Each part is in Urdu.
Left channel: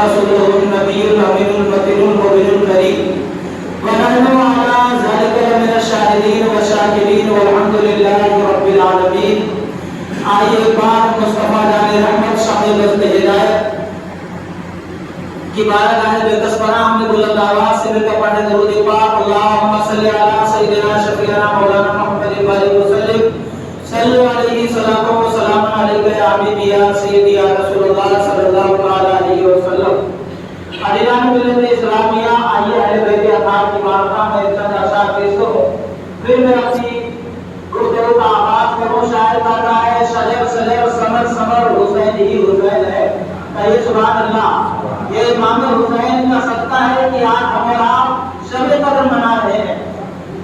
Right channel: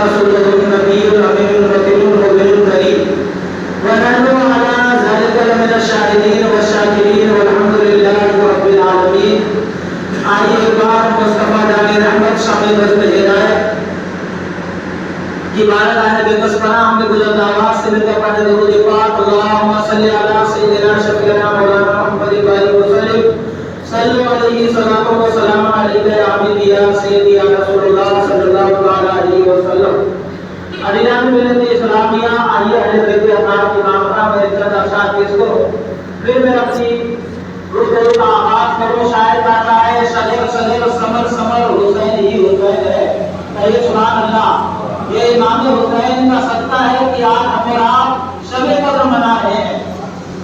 رسوله النبي الأمين المتين المبين الكريم ونحن على ذلك لمن الشاهدين والشاكرين والحمد لله رب العالمين. آئیے ایک بار مصطفیٰ جان رحمت شامل دست ہدایت کی بارگاہ بے بس پناہ ہم نے بلند آواز سے مل کر پڑھے درود پاک اللہم صلی علی سیدنا شفیعنا مولانا محمد بارک وسلم صلو علیہ صلاۃ و سلام علیک یا حبیبی یا سیدی یا رسول اللہ صلی اللہ علیہ وسلم. عزیزان ملت اسلامیہ، آئیے اہل بیت اطہار کی معرفہ میں چند اشعار پیش کرو، پھر میں اپنی گفتگو کا آغاز کروں. شاعر کہتا ہے شجر شجر ثمر ثمر حسین ہی حسین ہے. کہیے سبحان اللہ. یہ امام حسین کا صدقہ ہے کہ آج ہم اور آپ شب قدر منا رہے ہیں.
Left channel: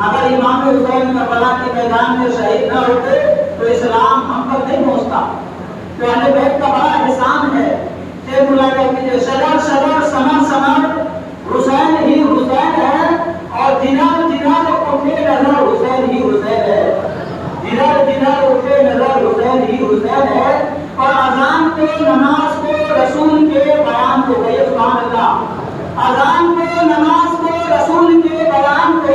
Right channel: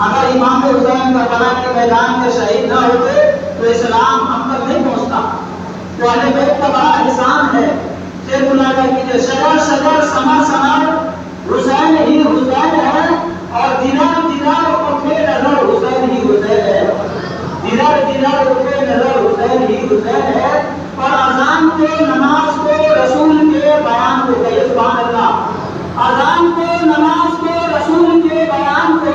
اگر امام حسین کربلا کے میدان میں شہید نہ ہوتے تو اسلام ہم تک نہیں پہنچتا. تو اہل بیت کا بڑا احسان ہے. شیر ملاحظہ کیجیے، شجر شجر ثمر ثمر حسین ہی حسین ہے، اور جنر جنر اٹھے نظر حسین ہی حسین ہے. جنر جنر اٹھے نظر حسین ہی حسین ہے. اور اذان کو نماز کو رسول کے بیان کو، کہیے سبحان اللہ. اذان کو نماز کو رسول کے بیان کو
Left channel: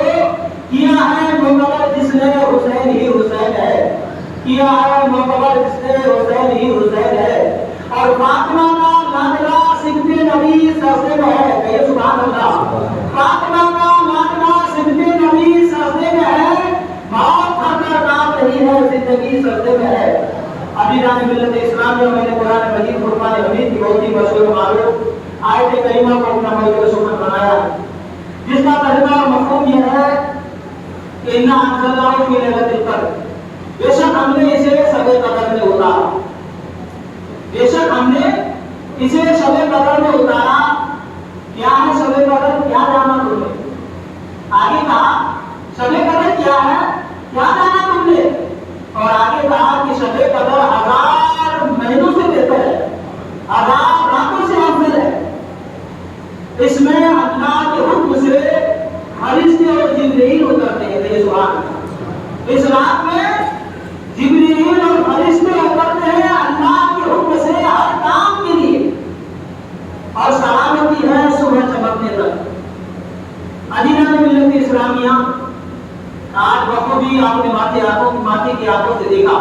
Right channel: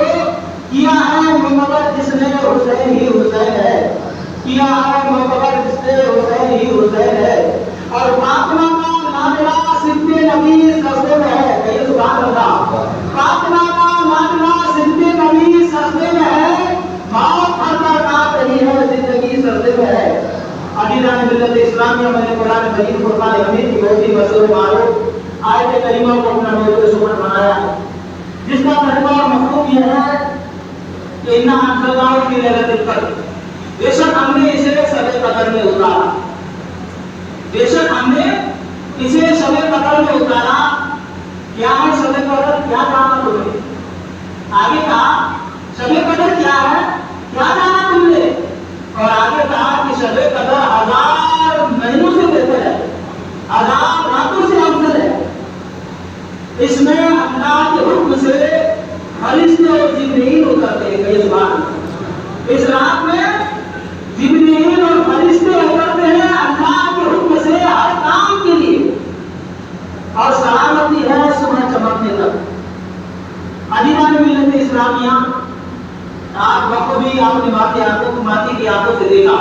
کیا ہے معتبر جس نے حسین ہی حسین ہے. کیا ہے معتبر جس نے حسین ہی حسین ہے. اور فاطمہ کا لاڈلا صدق نبی سجدے میں ہے. کہیے سبحان اللہ. فاطمہ کا لاڈلا صدق نبی سجدے میں ہے. موت خطر کاپ رہی ہے، زندگی سجدے میں ہے. عزیزان ملت اسلامیہ، میں نے قرآن مجید فرقان حمید کی بہت ہی مشہور معروف آیت کریمہ کو اپنا موضوع سخن بنایا ہے، جس کا ترجمہ اور مفہوم یہ ہے کہ اِنَّا أَنزَلْنَاهُ فِي لَيْلَةِ الْقَدْرِ. بے شک ہم نے اسے شب قدر میں اتارا. بے شک ہم نے اسے شب قدر میں اتارا. کیا ہے شب قدر؟ کیا جانا تمہیں؟ آگے کہا شب قدر کیا ہے، کیا جانا تم نے؟ اور آگے کہا کہ شب قدر 1000 مہینوں سے بہتر ہے، 1000 راتوں سے افضل ہے. اس میں اللہ کے حکم سے فرشتے اور جبرائیل اترتے ہیں. کہیے سبحان اللہ. اس رات میں جبرائیل اور فرشتے اترتے ہیں اللہ کے حکم سے ہر کام کے لیے، اور سلامتی ہے صبح چمکنے تک. عزیزان ملت اسلامیہ، آج بخوبی آپ نے ماتی کی آنکھوں سے دیکھا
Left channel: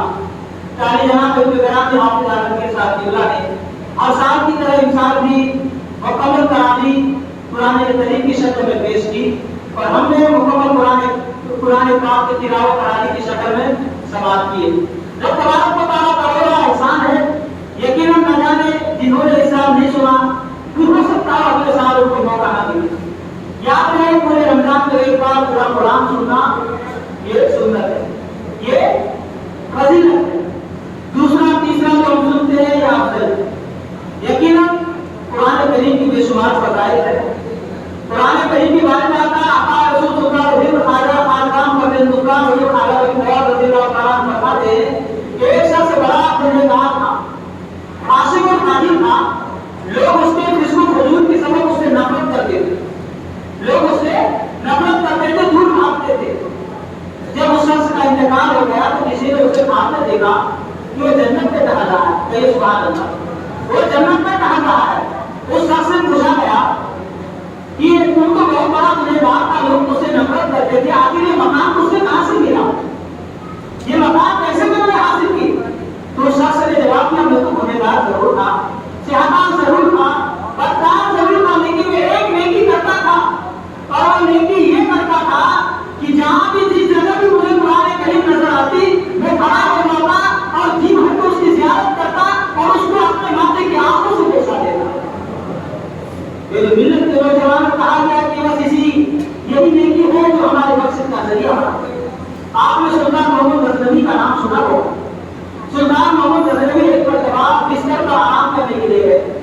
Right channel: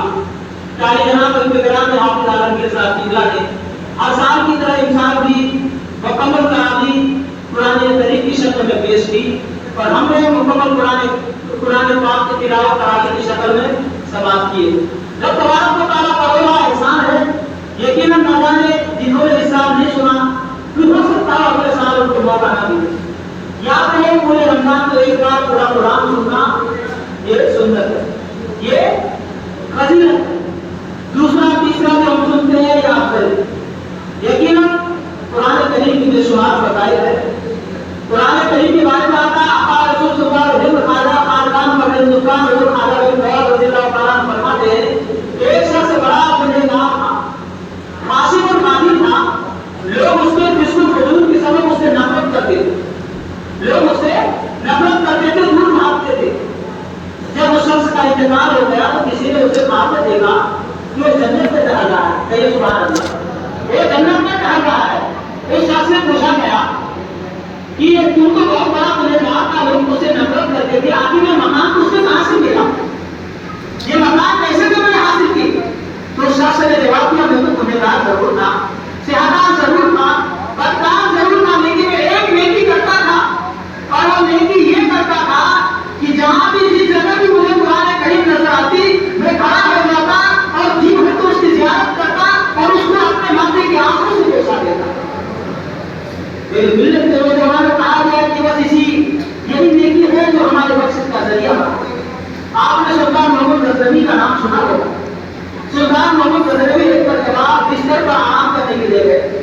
کہ جناب الفقراء نے حافظ عالمگیر صاحب قبلہ نے ہر سال کی طرح امسال بھی مکمل تراویح قرآن کریم کی شکل میں پیش کی، اور ہم نے مکمل قرآن پاک کی تلاوت تراویح کی شکل میں سماعت کیے. جب تبارک و تعالیٰ کا بڑا احسان ہے. یقیناً نہ جانے جنہوں نے اسلام نہیں سنا پھر ہو سکتا ہے اگلے سال ان کو موقع نہ ملے. یاد رہے پورے رمضان کو ایک بار پورا قرآن سننا یہ سنت ہے، یہ فضیلت ہے. دوسرا تیسرا جو ہم سنتے ہیں یہ افضل ہے. یقیناً قرآن کریم کی بے شمار فضائل ہے. قرآن کریم کے بارے میں آتا ہے آقا رسول صلی اللہ علیہ وسلم خواجہ خاندان پر ہندوستان حضور خواجہ بن فیاض رضی اللہ تعالیٰ عنہ فرماتے ہیں کہ ایک شخص بڑا پرہیزگار تھا، عاشق اور ماہر تھا. لوگ اس کے فسق و فجور کی سبب اس سے نفرت کرتے تھے، لوگ اس سے نفرت کرتے تھے، دور بھاگتے تھے. جب اس شخص کا انتقال ہو گیا تو کسی نے اسے خواب میں دیکھا کہ وہ جنت میں ٹہل رہا ہے. کہیے سبحان اللہ. وہ جنت میں ٹہل رہا ہے. اس شخص سے پوچھا گیا کہ تم تو بہت بڑا گنہگار تھا، لوگ اس سے نفرت کرتے تھے، آخر یہ مقام تجھ سے کہاں سے ملا؟ یہ مقام کیسے تم نے حاصل کی؟ تو اس شخص نے جواب دیا میں تو گنہگار ضرور تھا، سیاحدار ضرور تھا، بدکار ضرور تھا، لیکن میں ایک نیکی کرتا تھا. اور وہ نیکی یہ کرتا تھا کہ جہاں بھی جس جگہ بھی مجھے قرآن کریم نظر آتی میں کھڑا ہو جاتا اور جی بھر تو اس کی زیارت کرتا اور اس کو اپنے ماتھے کی آنکھوں سے بوسا دیتا. میرے ملت کے نوجوانوں کو کہا گیا کہ بس یہی نیکی ہے جو ہمارے مقصد کا ذریعہ بنا. آپ نے سلطان محمد غزنوی کا نام سنا ہوگا. سلطان محمد غزنوی ایک مرتبہ بستر پر آرام کرنے کے لیے گئے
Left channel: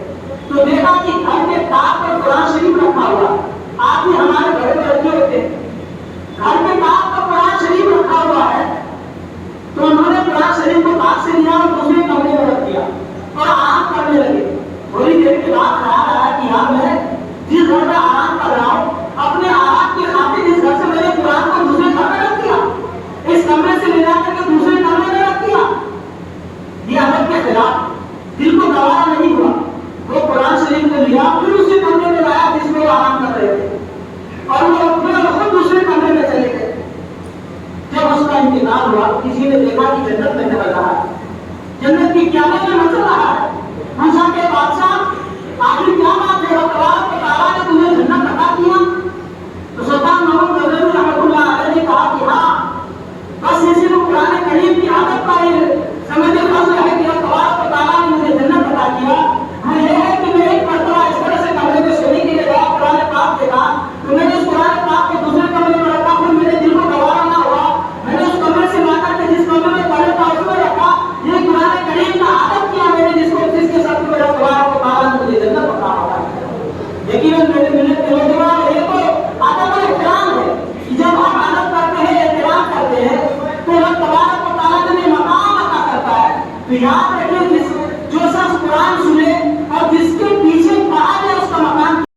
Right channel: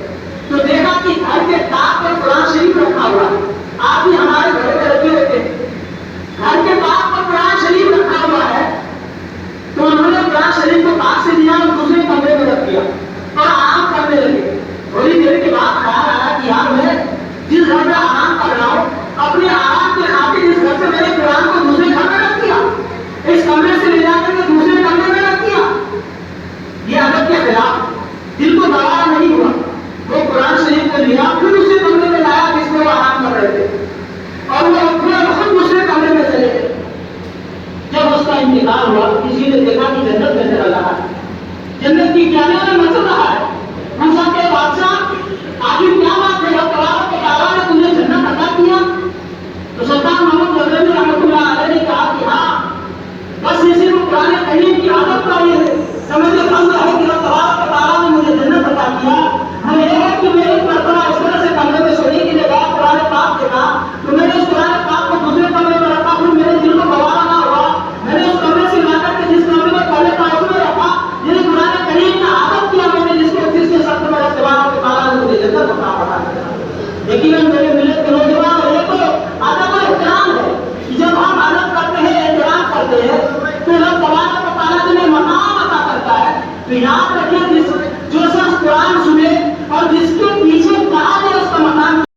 تو دیکھا کہ گھر کے طاق پر قرآن شریف رکھا ہوا ہے. آپ بھی ہمارے گھر میں رکھے ہوتے ہیں، گھر کے طاق پر قرآن شریف رکھا ہوا ہے. تو انہوں نے قرآن شریف کو طاق سے لیا اور دوسرے کمرے میں رکھ دیا اور آرام کرنے لگے. تھوڑی دیر کے بعد خیال آیا کہ یار میں جس گھر میں آرام کر رہا ہوں اپنے آرام کے خاطر اس گھر سے میں نے قرآن کو دوسرے گھر میں رکھ دیا، اس کمرے سے لے جا کر کے دوسرے کمرے میں رکھ دیا. یہ ادب کے خلاف دل کو دوا کو لیا، پھر اسے کمرے میں لایا جس میں وہ آرام کر رہے تھے، اور وہ اٹھے اور خود دوسرے کمرے میں چلے گئے۔ جب اس کا انتقال ہوا، کسی نے دیکھا کہ جنت میں چل رہا ہے، جنت کی کیا